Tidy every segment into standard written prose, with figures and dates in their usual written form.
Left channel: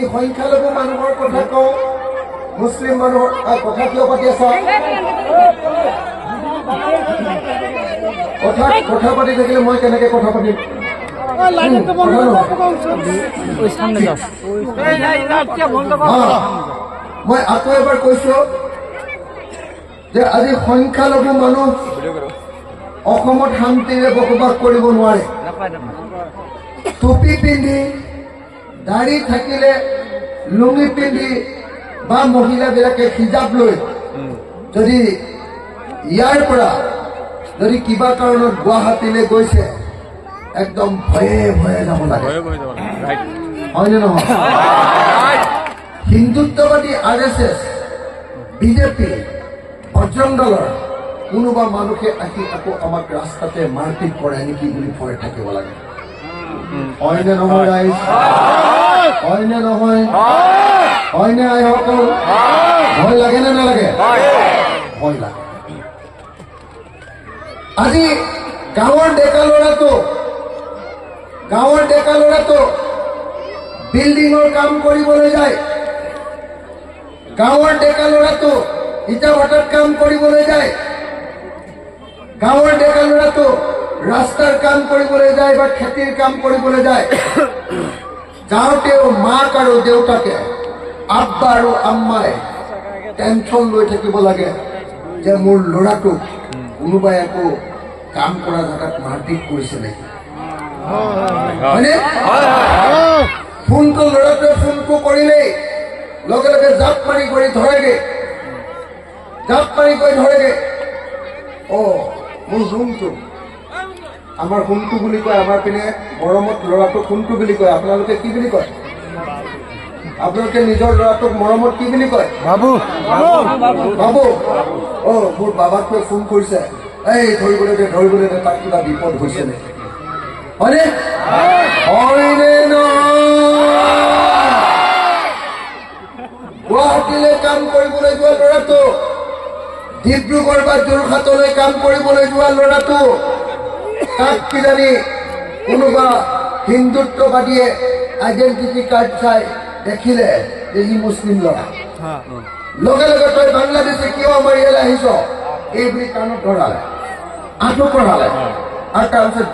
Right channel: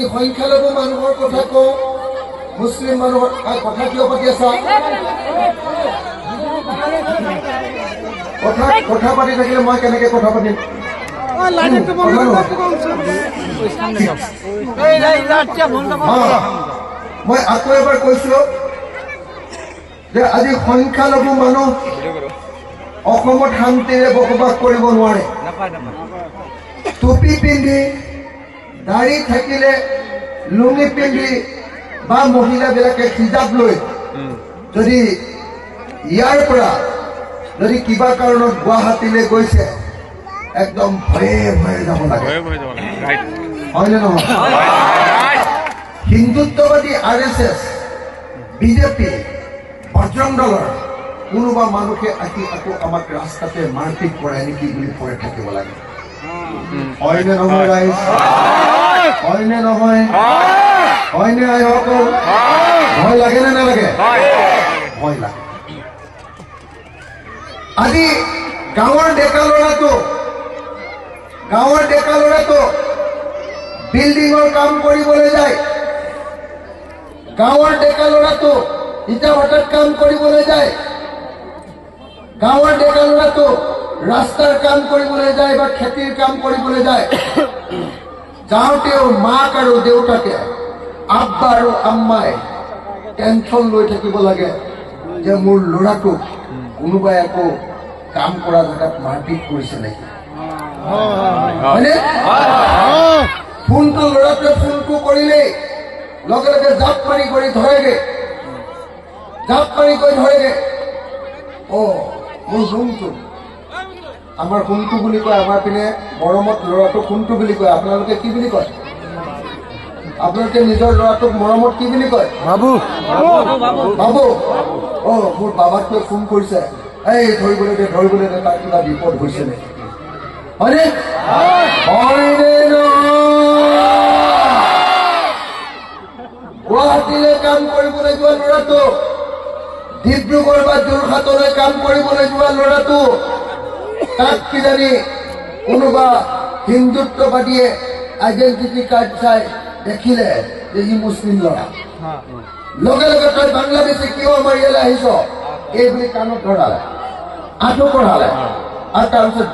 যদি সংখ্যালঘু মানুহৰ কথা কওঁ মুছলিম মানুহৰ কথা কিয় পাতি আছা কথা পাতি থাকিলে মই কেনেকে কথা পাতিম মই আকৌ এবাৰ কৈছো যে আজি সংখ্যালঘু মানুহ অসমত শান্তিৰে বসবাস কৰিব নোৱাৰে টুপি পিন্ধি দাড়ি থাকিলে লুঙি পিন্ধি বা মহিলাবিলাকে হিজাব লৈ যদি ইয়াৰ পৰা যদি কিবা কাৰণত গুৱাহাটীলৈ গৈছে একদম ভয়ে ভয়ে যাব লাগে হয়নে নহয় হিন্দুত্ববাদী RSS বিজেপি বজৰং দলৰ কোনোবা মানুহে আহি আকৌ আমাক ৰাস্তাতে মাৰপিট কৰে নেকি বুলি ভয় থাকিব লাগে হয়নে নহয় ৰাইজ হয়নে নহয় হয়নে আইসকল ভয় লাগে নে নালাগে ভয় লাগে আজি গাঁৱৰ ডেকা ল'ৰাটো বিল্ডিঙৰ কাম কৰিবলৈ যায় গাঁৱৰ ডেকা ল'ৰাটো ইটা ভাটাত কাম কৰিবলৈ যায় গাঁৱৰ ডেকা ল'ৰাটো ৰাস্তাৰ কাম কৰিবলৈ যায় বা খেতিৰ কাম কৰিবলৈ যায় যাওঁতেও মাক আৰু দেউতাকে আব্বা আৰু আম্মাই টেনশ্যন লৈ থাকিব লাগে যে মোৰ ল'ৰাটোক কোনোবাই আকৌ কাম কৰা জেগাত মাৰপিট কৰিছে নেকি হয়নে ফোনটো ল'ৰাটোৱে ফোনটো কৰিলেই লগে লগে জাপ মাৰি কৰি ধৰেগে মোৰ সোণটো আমাৰ সোণটো বুলি কয় আমাৰ পিনে মৰমত ল'ৰাটোক সোণটো বুলি কয় আপোনালোকে কি বুলি কয় আপোনালোকে নিজৰ ল'ৰাটোক মৰমত কি বুলি কয় বাবু মোৰ বাবাটোৱে ফোন কৰিছে এই ধৰিবলৈ দে তাৰ কিবা বিপদ হৈছে নে হয়নে গুৱাহাটীলৈ কাম কৰিবলৈ যোৱা ল'ৰাটো ডিব্ৰুগড় বা যোৰহাটলৈ কাম কৰিবলৈ যোৱা ল'ৰাটো তাক কিজানি কোনোবা হিন্দুত্ববাদীয়ে আইডেণ্টিটি কাৰ্ড চাই দেখিলে যে ই মুছলিম ল'ৰা লগে লগে তই বাংলাদেশী কিয় আমাৰ ইয়ালৈ আহিছ এই বুলি কাণত ধৰালে আঁঠু কঢ়ালে আৰু তাৰপিছত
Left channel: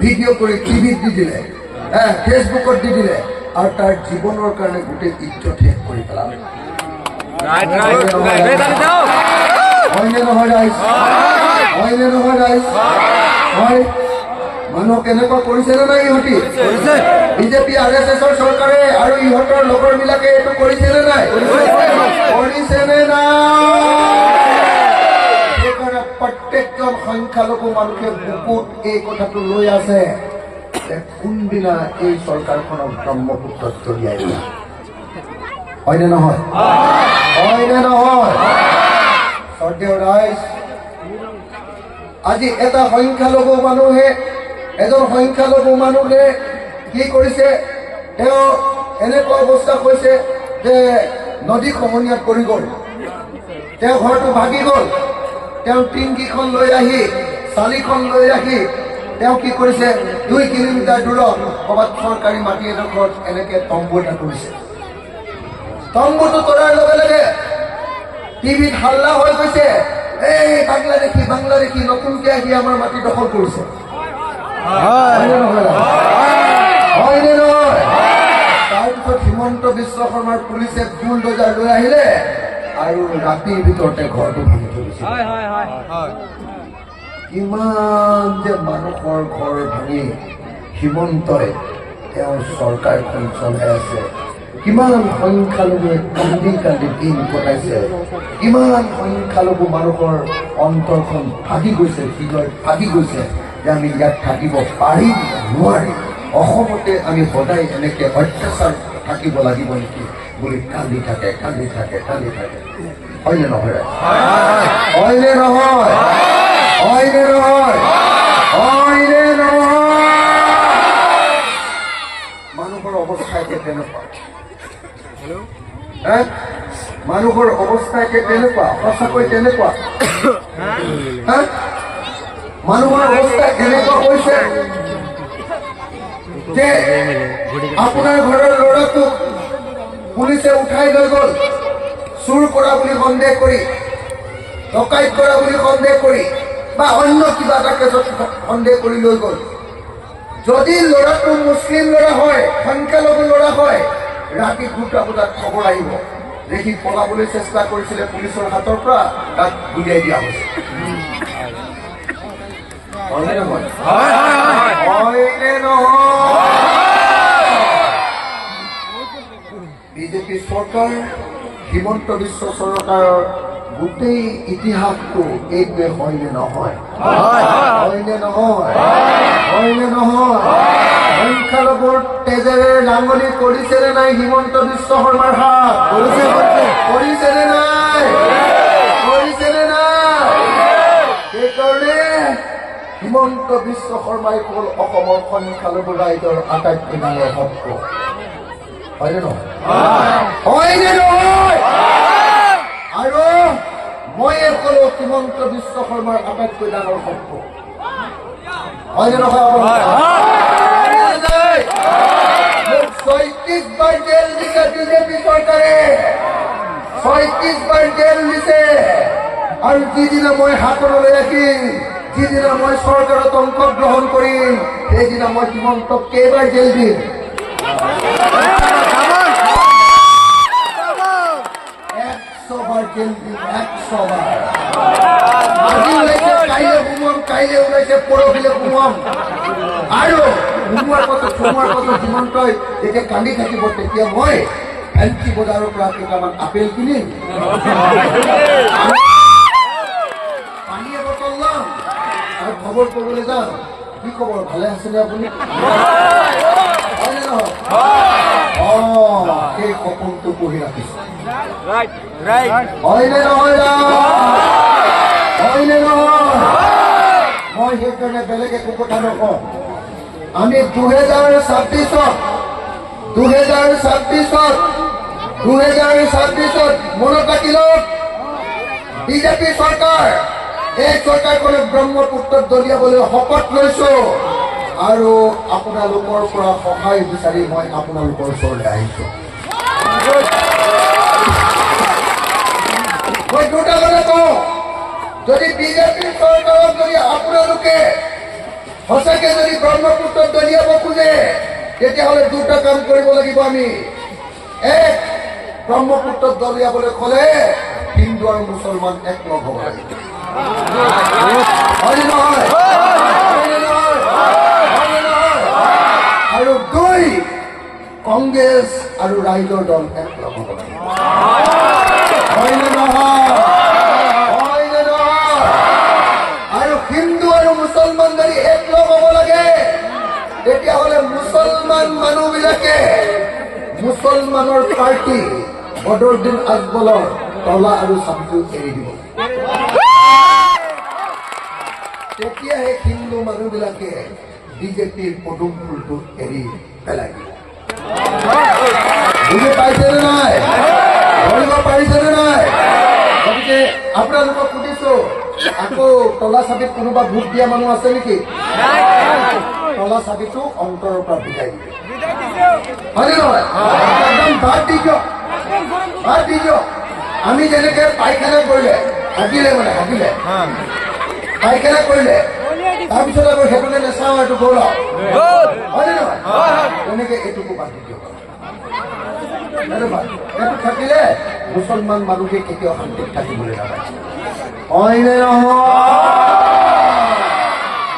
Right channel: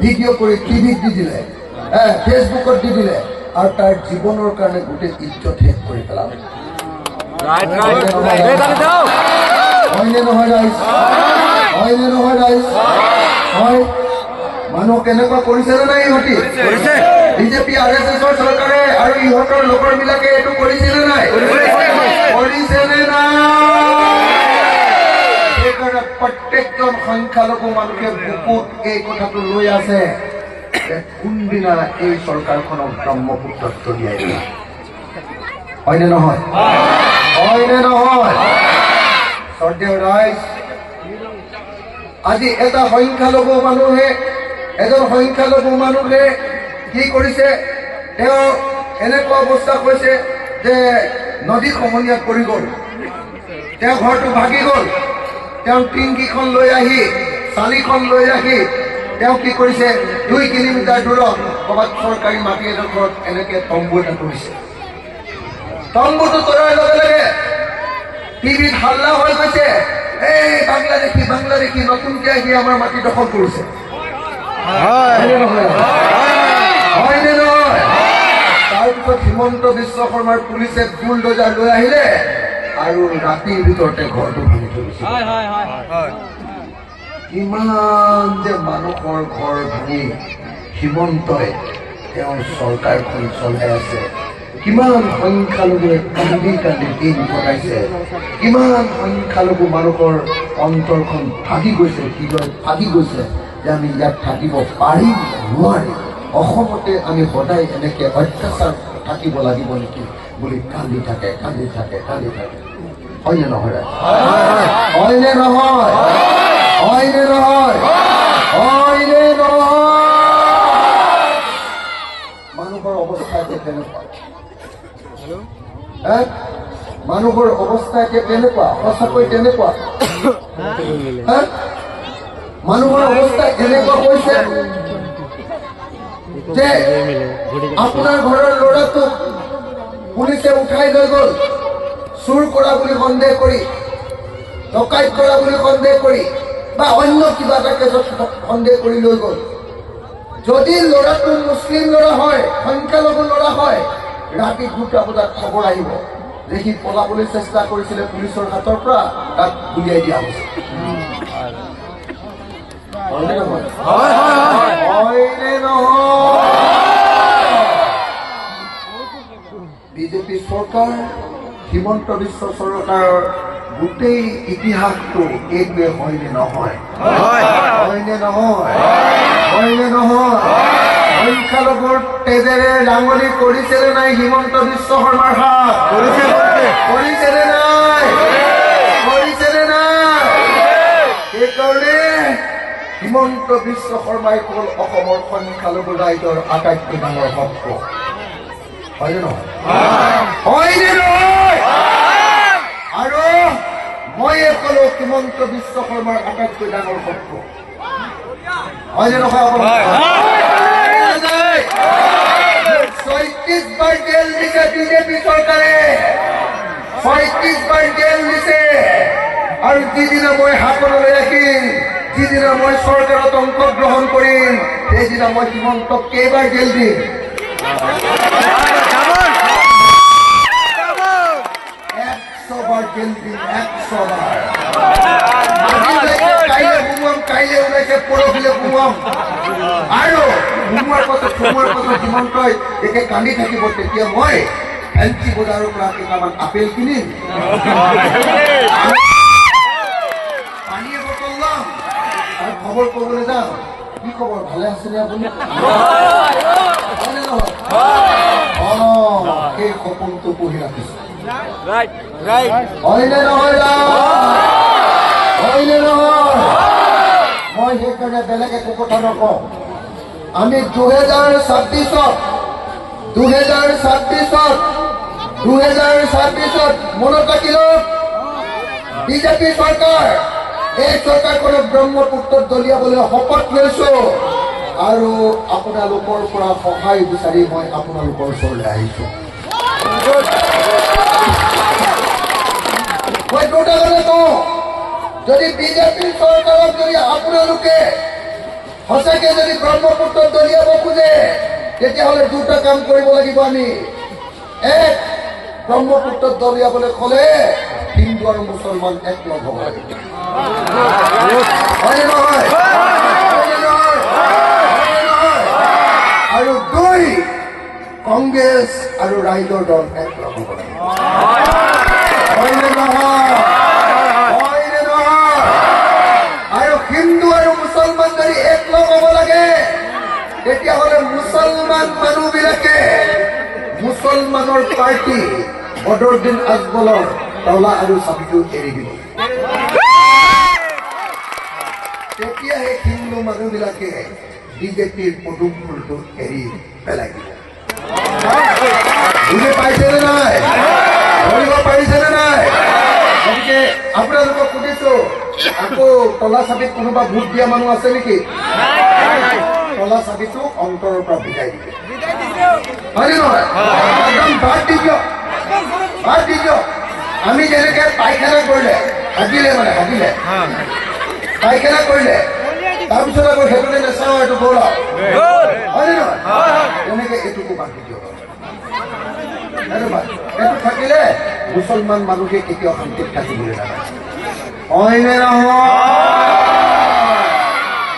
ভিডিঅ' কৰি টিভিত দি দিলে ফেচবুকত দি দিলে আৰু তাৰ জীৱনৰ কাৰণে গোটেই ইজ্জত শেষ কৰি পেলালে হয়নে নহয় ৰাইজ হয় মানুহ কেনেকুৱা কৰিছে নে নাই ইহঁতি বিজেপি RSSৰ চৰকাৰে আৰু ইহঁতৰ লগৰবিলাকে এইটো কৰিছে নে নাই সেইকাৰণে প্ৰত্যেকজন সংখ্যালঘু মানুহে বুকুত এই কথাটো লৈ আছে যে কোনদিনা এই চৰকাৰখনক ব্ৰহ্মপুত্ৰত দলিয়াই দিয়া হয়নে নহয় শ্ৰদ্ধেয় ৰাইজ আজি এজন সংখ্যালঘু মানুহে কি কৰিছে তেওঁ এনেকুৱা অৱস্থা কৈছে যে নদী খহনীয়াত পৰি গ'ল তেওঁ ঘৰটো ভাগি গ'ল তেওঁ টিংকিখন লৈ আহি চালিখন লৈ আহি তেওঁ কি কৰিছে 2 কিলোমিটাৰ দূৰত ক'ৰবাত চৰকাৰী মাটি এডোখৰত এনেকে তম্বু এটা কৰিছে তম্বুটো তৰাৰ লগে লগে টিভিত হাল্লা হৈ গৈছে এই বাংলাদেশী নতুনকে আহি আমাৰ মাটি দখল কৰিছে হয়নে নহয় তাৰপিছত হিমন্ত বিশ্ব শৰ্মাৰ পুলিচে বুলডোজাৰ লৈ আহিলে আৰু ৰাতিৰ ভিতৰতে ঘৰটো ভাঙি থৈছে ইমান যে মানুহৰ ঘৰ ভাঙি হিমন্তই তেওঁৰ চৰকাৰখন চলাই আছে কিমান সংখ্যালঘুৱে কান্দি দিন কটাইছে কিমান সংখ্যালঘু মানুহৰ অন্তৰখন ভাগি গৈছে হৃদয় ভাগি গৈছে যে আমি ইয়াত থাকিব পাৰিম নোৱাৰি অসমতে আমি সদায় এনেকে অত্যাচাৰ থাকিব লাগিব নেকি বুলি কান্দি থাকে হয়নে নহয় মানুহৰ অৱস্থা এতিয়া তেনেকুৱা মানুহৰ অৱস্থা এতিয়া তেনেকুৱা সঁচাকৈ তেনেকুৱা মানুহৰ অৱস্থা এনেকুৱা হৈছে যে আপোনাৰ ঘৰৰ ল'ৰাটোক পুলিচে উঠাই লৈ গ'ল চুৰ কৰা বুলি সন্দেহ কৰি, ডকাইত কৰা বুলি সন্দেহ কৰি বা অন্য কিবা এটা কেছত সন্দেহ কৰি লৈ গ'ল। যদি ল'ৰাটো মুছলিম ল'ৰা হয়, সংখ্যালঘু ল'ৰা হয়, ৰাতি 2টা বজাত খবৰ আহিব যে সি পলাবলৈ চেষ্টা কৰিছিলে পুলিচৰ হাতৰ পৰা, তাক উলিয়াই দিয়া হৈছে। হয়নে নহয়? হয়নে নহয়? বিজেপি চৰকাৰ, হিমন্ত বিশ্ব চৰকাৰৰ গোটেই ইতিহাসটো এইটোৱে হয়নে নহয়? হয়নে নহয়? হয়নে নহয়? সংখ্যালঘুৰ তেজেৰে ৰাঙলী কৰিছেনে নাই হিমন্ত বিশ্ব শৰ্মাৰ হাত? কৰিছেনে নাই? কৰিছেনে নাই? সেইকাৰণে হিমন্ত বিশ্ব শৰ্মাই হ'ল অসমৰ সংখ্যালঘু ৰাইজৰ আটাইতকৈ ডাঙৰ শক্ত। হয়নে নহয়? হয়নে নহয়? আৰু মই কলো হিমন্ত বিশ্ব শৰ্মাৰ আটাইতকৈ ডাঙৰ শক্ত। হয়নে নহয়? 36 বাৰ জেল দিছে বিজেপি চৰকাৰে, 36 বাৰ জেল দিছে। আৰু যিদিনা মই হাতলৈ ৰাখিম, যিদিনা মই চৰকাৰত অংশগ্ৰহণ কৰিম, সেইদিনা মই হিমন্তক কেইবাৰ জেল দিম? 100 বাৰ জেল দিম, 100 বাৰ। কাইলৈ সোমোৱাম, কাইলৈ ওলাইছে পৰহিলে সোমোৱাম। আৰু সোমোৱাৰ পাছত হিমন্তই যেতিয়া কান্দি থাকিব, তেতিয়া মই ফেঞ্চি বজাৰৰ পৰা কেইটামান আপেল কিনিম, পানীয়ে বটল ল'ম আৰু খবৰ কৰিবলৈ যাম। কি খবৰ, ভালে আছেনে আপুনি? হয়নে নহয়? সেই সপোনটো পঢ়ি ৰাখিছো। হয়নে নহয়? হয়নে নহয়? মই সেইকাৰণে বেলেগ একো কথা নকওঁ। আমি 2026 মনত ৰাখিলোঁ, বিজেপি চৰকাৰ, এই চৰকাৰখনে ব্ৰহ্মপুত্ৰত দলিয়াবলৈ শপত লৈছো। আৰু আপোনালোকৰ পৰা সহায় বিচাৰি মই আপোনালোকৰ ওচৰলৈ আহিছো। মই দুটা কথা কওঁ, যদি বিজেপি চৰকাৰক যদি আপোনালোকে সঁচাকে যদি ব্ৰহ্মপুত্ৰত দলিয়াব খোজে, তেতিয়াহ'লে দুটা কাম কৰিব লাগিব আমি। এক, ব্ৰহ্মপুত্ৰত দলিয়াবলৈ ক'লে হিন্দু আৰু মুছলমান একলগ হ'ব লাগিব। হয়নে নহয়? আৰু 2, কংগ্ৰেছ আৰু ৰাইজৰ দল একলগ হ'ব লাগিব। হয়নে নহয়? হয়নে নহয়? আৰু হিন্দু আৰু মুছলমান যদি একলগ হ'ব লাগে, তেতিয়াহ'লে মুছলমান মানুহবিলাকে মুছলমানৰ পাৰ্টি বদৰুদ্দিন আজমলৰ তলা আৰু চাবিটো এৰি দিব। তেতিয়াহে হিন্দু মানুহবিলাকে বিজেপিৰ পদুম ফুলটো এৰি পেলাই দিব। বুজি পাইছেনে নাই? ধৰিব পাৰিছেনে নাই? গতিকে আপোনালোকক সুধিছো, আকৌ তলা চাবিত কোনোবা ভোট দিয়া মানুহ আছে নেকি? তলা চাবিটো অন্তৰৰ পৰা ভিজাই দিয়ে। হয়নে নহয়? একদম বাদ দি দিয়ক, বাদ দি দিয়ক। আমি যেনেকে পায়খানা কৰিলে, হাগিলে পায়খানা কৰিলে, তাৰপিছত আকৌ সেইটোকে নেচাওঁ, এইটো গৌৰৱ। হয়নে নহয়? তেনেকে এইটোকো বাদ দি দিয়ক। এইটো থাকিলে মুছলমান মানুহে কেতিয়াও শান্তিত থাকিবলৈ নালাগে। হয়নে নহয়?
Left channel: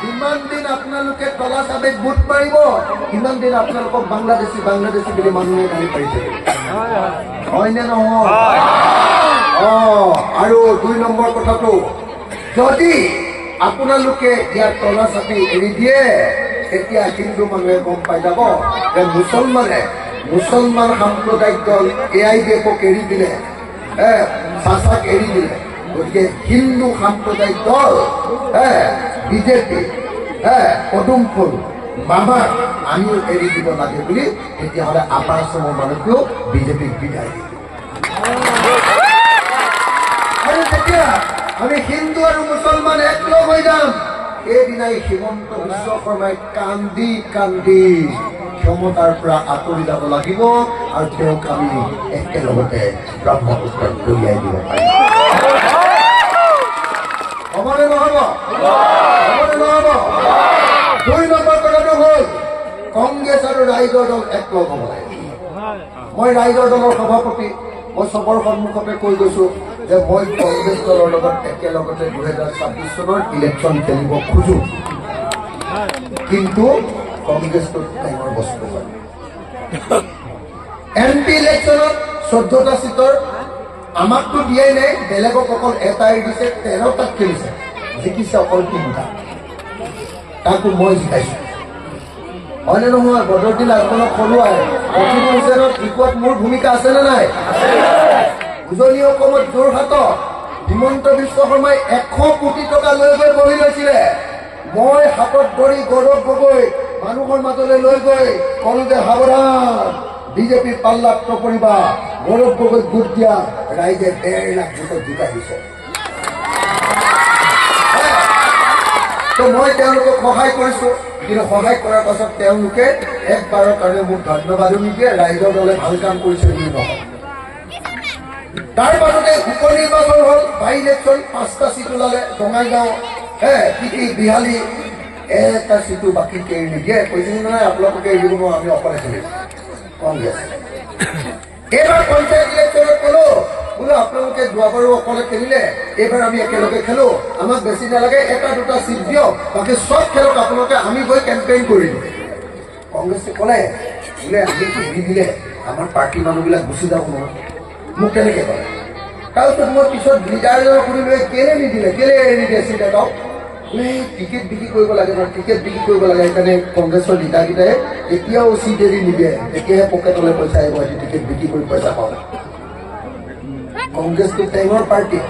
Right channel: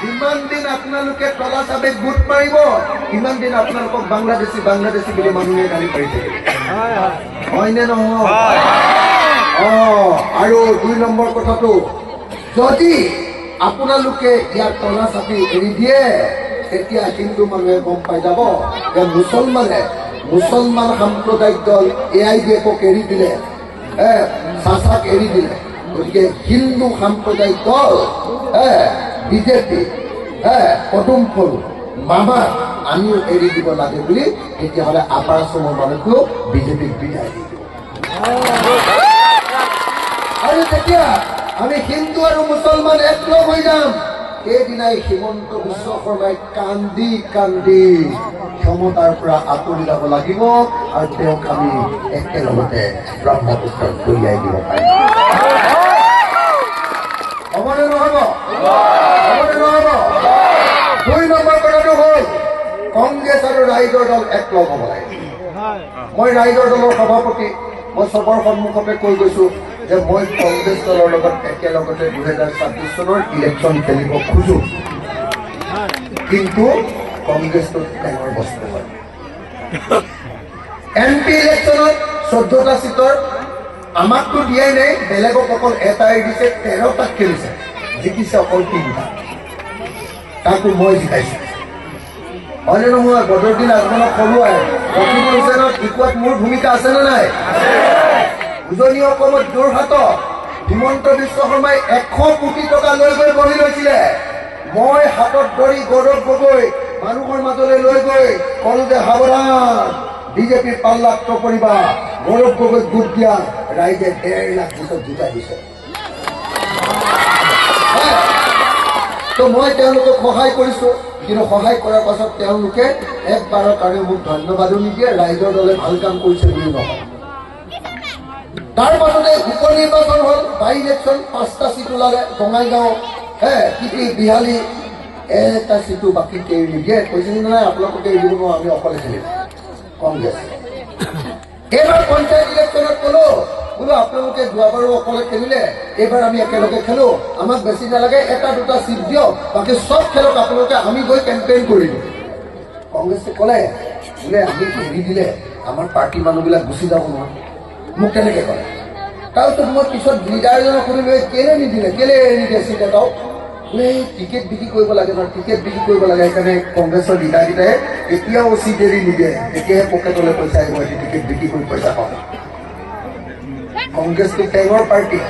যিমান দিন আপোনালোকে তলা চাবিত ভোট মাৰিব, সিমান দিন আপোনালোকক বাংলাদেশী বুলি মানুহে গালি পাৰি থাকিব। হয়নে নহয়? আৰু 2 নম্বৰ কথাটো, যদি আপোনালোকে ইয়াৰ তলা চাবি এৰি দিয়ে, তেতিয়া হিন্দু মানুহে গম পাই যাব যে মুছলমান সাম্প্ৰদায়িক দল AIDFক এৰি দিলে, চাচাক এৰি দিলে। গতিকে হিন্দু সাম্প্ৰদায়িক দল বিজেপি, পদুম ফুল, মামাক আমিও এৰি দিব লাগে বুলি, তেতিয়াহ'লে আপাৰ আছামৰ মানুহটো বিজেপিক বিদায় দিব। আৰু তেতিয়া আমি হিন্দু আৰু মুছলমান একলগ হৈ যাম, সেইদিনাই হিমন্ত বিশ্ব শৰ্মাই কান্দি কান্দি ক্ষমতাৰ পৰা আঁতৰি যাব লাগিব আৰু তেওঁক আমি একেলগতে ব্ৰহ্মপুত্ৰত দলিয়াই দিব পাৰিম। হ'বনে নহ'ব? হ'বনে নহ'ব? 2 নম্বৰ কথাটো হ'ল কংগ্ৰেছ আৰু ৰাইজৰ দল একলগ হ'ব লাগে। মই ৰাইজৰ দলৰ সভাপতি, মই চবৰ সন্মুখতে কৈ গৈছো যে মই কংগ্ৰেছ দলৰ লগত একেলগতে 2026 চনৰ ইলেকশ্যন খেলিব খোজো, কিন্তু কংগ্ৰেছটো টেঙৰ বস্তু হয়। MP ইলেকশ্যনত 14টা চিটৰ আমাকতো দিয়াই নাই, বেলেগক অকল এটাই দিছে, 13টাক খেলিছে, জিকিছে অকল 3টা, তাকো মই জিকাইছো। হয়নে নহয়? বদৰুদ্দিন আজমলক সৰুৱাই ৰকিবুল হুছেইনক জিকোৱাত মোৰ ভূমিকা আছেনে নাই? উজনি অসমত যোৰহাটত হিমন্ত বিশ্ব শৰ্মাই 100 কোটি টকা লৈ গৈ বহি লৈছিলে। মই হাতত ধৰি গৌৰৱ গগৈ মানুহৰ মাজলৈ লৈ গৈ কলো যে সাৱধান, বিজেপিৰ পাল্লাত নপৰিবা। গৌৰৱ গগৈক ভোট দিয়া, ৰাইজে 1.5 লাখ ভোটত জিকাই দিছে। তো মই তেওঁলোকক সহায় কৰিছো, কিন্তু সহায় কৰাৰ পাছত তেওঁলোকে একবাৰৰ কাৰণে মোক ধন্যবাদো নিদিয়ে, ৰাইজৰ দলে ভাল কাম কৰিছে বুলি নহয়। তাৰ পাছতে উপ নিৰ্বাচন হ'ল, বাই ইলেকশ্যন 5টা চিট ওলালে। বঙাইগাঁও বিহালী এটা চিটো বাকী কেৰি নিদিয়ে, কৈছিল নাই আপোনালোকে এৰি দিব, আমি অকলে খেলিম কংগ্ৰেছ। এইবাৰ পঞ্চায়ত ইলেকশ্যনত ক'লো বোলো আপোনালোকে যোৱাবাৰো অকলে খেলিলে, এইবাৰ আমি একেলগে খেলো, আমাক বেছি নালাগে, 1-2টা চিট দিয়ক, বাকী চব খেলক আপোনালোকে, আমি গৈ কেম্পেইন কৰি দিম। কংগ্ৰেছে ক'লে বোলে আমিতো দি দিলে আমাৰ পাৰ্টীৰ মানুহবিলাক গুচি যাব নহয়, মোক কেনেকে কয়? তাৰপিছত মই পিছত লিডাৰজনক সুধিলো কেলে নিদিলে, কেলে এৰি নিদিয়ে চিট এটাও? বোলে টিকেট বিক্ৰী কৰিব লাগে ন, টিকেট বিক্ৰী কৰিব লাগে, সেইকাৰণে কংগ্ৰেছৰ লিডাৰকেইটাই এতিয়াও চিট এৰি নিদিয়ে, তেতিয়াহে পকেটলৈ পইচা আহিব, টিকেট বিক্ৰী কৰি পইচা পাব। কংগ্ৰেছটো টেঙৰ পাৰ্টি,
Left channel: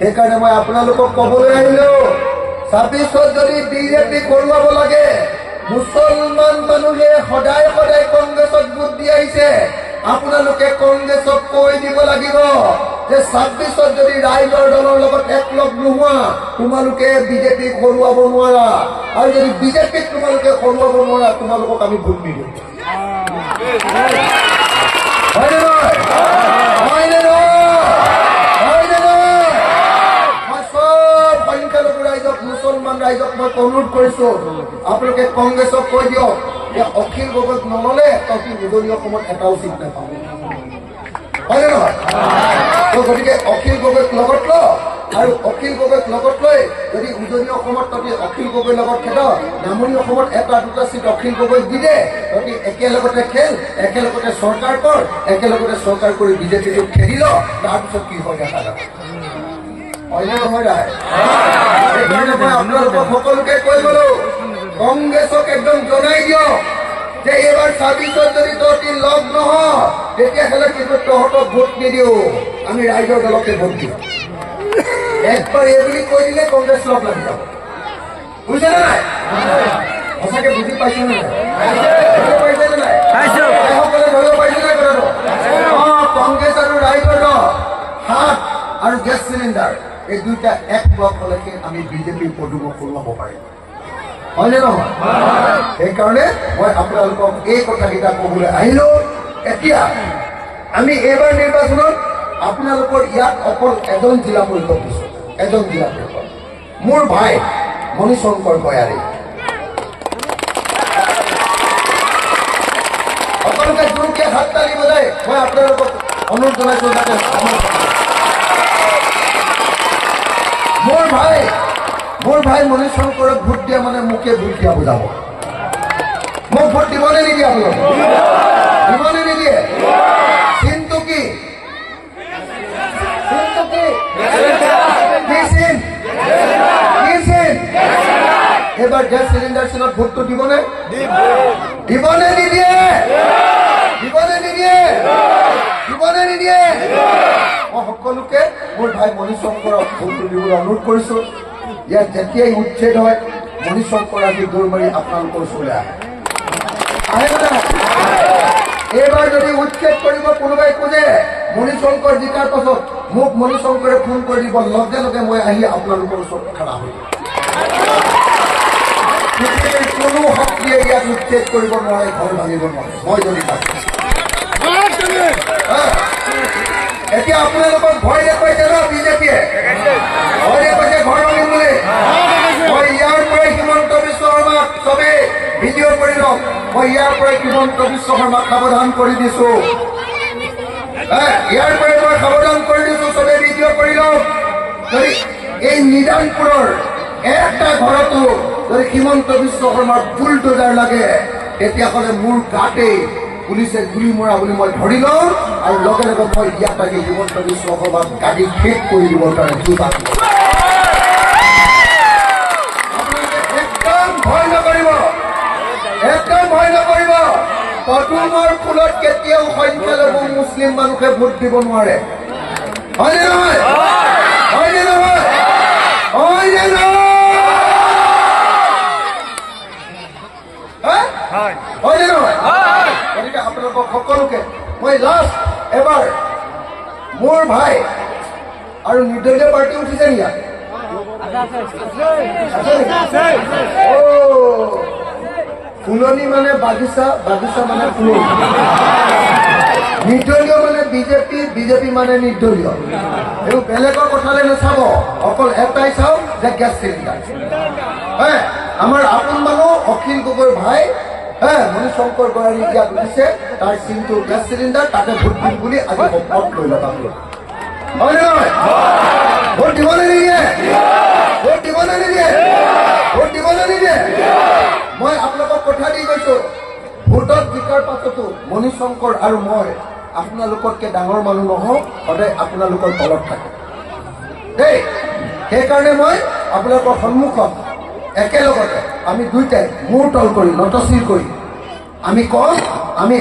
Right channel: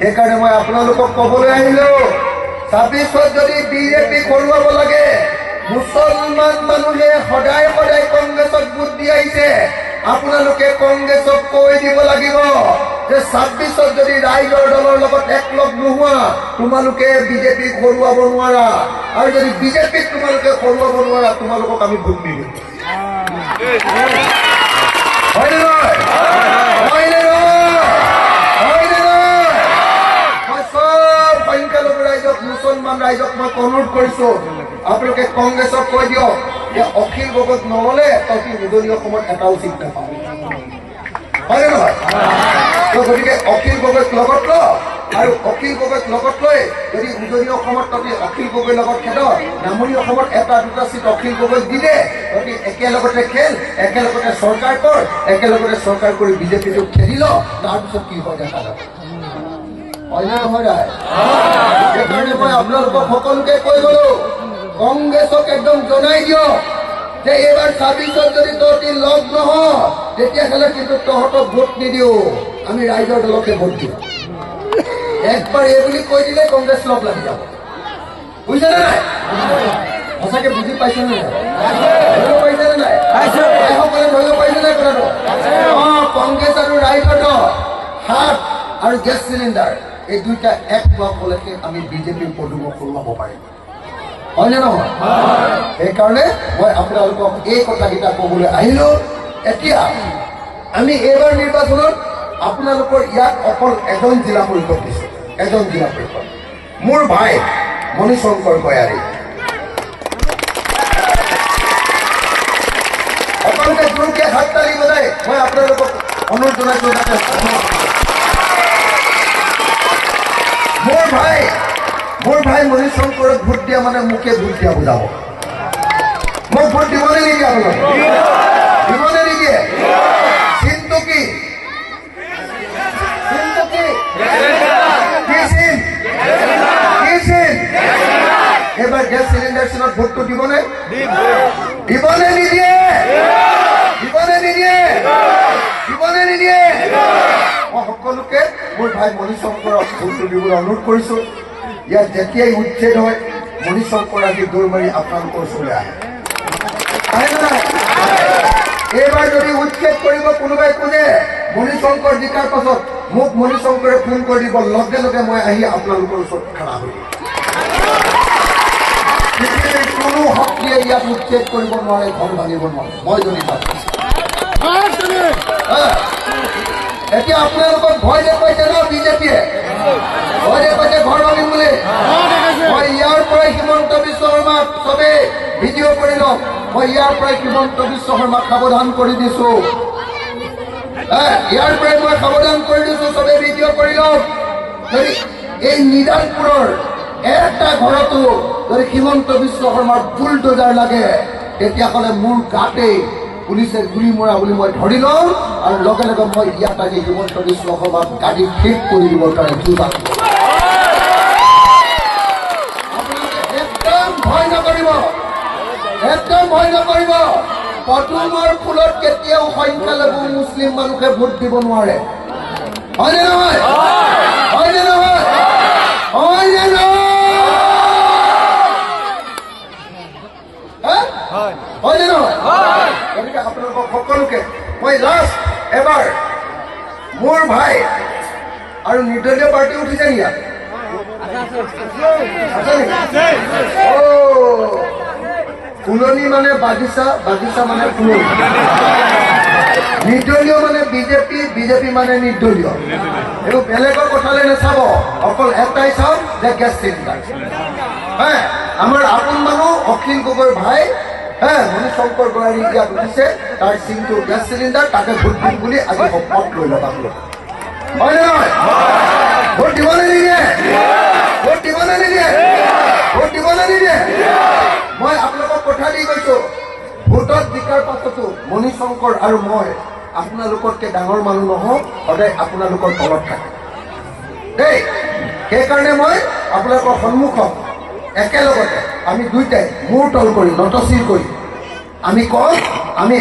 সেইকাৰণে মই আপোনালোকক কবলৈ আহিলো, 26ত যদি বিজেপিক হৰুৱাব লাগে, মুছলমান মানুহে সদায় সদায় কংগ্ৰেছক ভোট দি আহিছে, আপোনালোকে কংগ্ৰেছক কৈ দিব লাগিব যে 26ত যদি ৰাইজৰ দলৰ লগত একলগ নোহোৱা, তোমালোকে বিজেপিক হৰুৱাব নোৱাৰা, আৰু যদি বিজেপিক তোমালোকে হৰুৱাব নোৱাৰা, তোমালোকক আমি ভোট নিদিম। হয়নে নহয়? হয়নে নহয়? হয়নে নহয়? মই চব সংখ্যালঘু ৰাইজক, মুছলমান ৰাইজক মই অনুৰোধ কৰিছো, আপোনালোকে কংগ্ৰেছক কৈ দিয়ক যে অখিল গগৈক নললে তই উজনি অসমত এটাও চিট নাপাওঁ। হয়নে নহয়? গতিকে অখিল গগৈক লগত ল, আৰু অখিল গগৈক লগত লৈ যদি উজনি অসমত তই অখিল গগৈৰ লগত খেল, নামনি অসমত 1-2টা চিট অখিল গগৈক দি দে, তই একেলগতে খেল, একেলগতে চৰকাৰ কৰ, একেলগতে চৰকাৰ কৰি বিজেপিটোক খেলি ল, তাৰপিছত কি হয় দেখা যাব। হয়নে নহয়? সেইকাৰণে মই আপোনালোকক সকলোকে কৈ গলো, কংগ্ৰেছক একদম জনাই দিয়ক যে এইবাৰ 26ত যদি তহঁতি লগ নহ, তেতিয়াহ'লে কিন্তু তহঁতক ভোট নিদিও, আমি ৰাইজৰ দলকে ভোট দিম। একবাৰ এই বুলি কৈ দিলে কংগ্ৰেছ লগ লাগি যাব। বুজিছে নে নাই? সঁচাকে বুজি পাইছে নে নাই? পাইছে নে নাই? সকলে ভয় পাইছে নে কথাটো? কংগ্ৰেছ আৰু ৰাইজৰ দল, হাত আৰু গেছ চিলিণ্ডাৰ, এই দুইটা এক লগ হলেহে আমি বিজেপিৰ পদুমক হৰুৱাব পাৰিম। হয়নে নহয়? সেইকাৰণে মই আপোনালোকক এই কথাকেইটা কবলৈ আহিলো। এতিয়া আমি এইবাৰ নিৰ্বাচনত আপোনালোকৰ ইয়াত অকল এজন জিলা পৰিষদ দিছো, এজন জিলা পৰিষদ, মোৰ ভাই মণিশংকৰ গয়াৰী। সকলোকে জোৰকে হাত তালি বজাই মই আপোনালোকক অনুৰোধ জনাইছো যাতে মোৰ ভাই মণিশংকৰক ভোট দিয়া মানে মোকে ভোট দিয়া বুজাব। মোক ভোট দিবনে নিদিয়ে? আপোনালোকে দিবনে নিদিয়ে? চিনটো কি? এবাৰ গেছ চিলিণ্ডাৰ চিনত ভোটটো দিবনে? দিবনে নিদিয়ে? দিবনে নিদিয়ে? দিবনে নিদিয়ে? মই সকলোকে মোৰ ভাই মণিশংকৰক ভোটটো দিবলৈ অনুৰোধ কৰিছো। ইয়াত যেতিয়াই উচ্ছেদ হয়, মণিশংকৰ আজি দৌৰ মাৰি আপোনালোকৰ ওচৰলৈ আহে। এইবাৰ যদি উচ্ছেদ কৰিব কোনোবাই খোজে, মণিশংকৰ জিকাৰ পাছত মোক মণিশংকৰে ফোন কৰি দিব, লগে লগে মই আহি আপোনালোকৰ ওচৰত খাৰা হৈ কোনো শক্তিয়ে ইয়াক উচ্ছেদ কৰিব নোৱাৰে, ঘৰ ভাঙিব নোৱাৰে। মই যদি থাকো এতিয়া আপোনালোকক ভয় দেখুৱাইছে ন বিজেপিয়ে, ভয় দেখুৱাইছে ঘৰ ভাঙিম বুলি। মই ইয়াৰ পৰাই হিমন্ত বিশ্ব শৰ্মাক চবে ভিডিঅ' কৰি লওক। মই ইয়াৰ পৰাই হিমন্ত বিশ্ব শৰ্মাক সাৱধান কৰি দিছো, ইয়াৰ পৰাই মই সাৱধান কৰি দিছো, চবে ভিডিঅ' কৰি লওক। এই নিদানপুৰৰ এটা ঘৰতো যদি হিমন্ত বিশ্ব শৰ্মাৰ বুলডোজাৰ লাগে তেতিয়াহ'লে মোৰ গাতেই পুলিচে গুলি মৰা বুলি মই ধৰি লওঁ, আৰু লগে লগে মই ইয়াত আজি হিমন্ত বিশ্ব শৰ্মাক গাড়ী শেষ কৰি দিবৰ কাৰণে যোগান। আপোনালোকে একদম ভয় নকৰিব, একদম ভয় নকৰিব। পদুমৰ ফুলত কেতিয়াও সংখ্যালঘু মুছলিম মানুহে ভোট দিব নোৱাৰে। হয়নে নহয়? হয়নে নহয়? হয়নে নহয়? হয়নে নহয়? গতিকে আপোনালোকক সকলোকে মই লাষ্ট এবাৰ মোৰ ভাই আৰু নিৰ্দলীয় পাৰ্টি উঠিছে নি ইয়াত? ফুলনি মানে বাগিচা, বাগিচা মানে ফুলনি। নিৰ্দলীয় মানে বিজেপি, বিজেপি মানে নিৰ্দলীয়। এইবোৰ বেলেগৰ কথালৈ নাচাব, অকল এটাই চাওক যে গেছ চিলিণ্ডাৰ। আমাৰ আপোন মানুহ অখিল গগৈৰ ভাই মণি শংকৰ বৰানী ইয়াত উঠিছে, তাৰ চিনটো গেছ চিলিণ্ডাৰ, তাকে ভোট দিম বুলি আজি শপত লৈ লওক আপোনালোক। হয় নে নহয়? ভোট দিবলৈ নিদিয়ে, ভোট দিবলৈ নিদিয়ে, ভোট দিবলৈ নিদিয়ে। মই আপোনালোকক কথা দি গৈছো, ভোটত জিকাৰ পাছতো মণি শংকৰ আৰু মই আপোনালোকতকে ডাঙৰ মানুহ নহওঁ, সদায় আপোনালোকৰ তলত থাকে দেই। সেইকাৰণে মই আপোনালোকৰ সন্মুখত একেলগতে আমি দুইটাই মূৰ তল কৰি নতশিৰ কৰি আমি কওঁ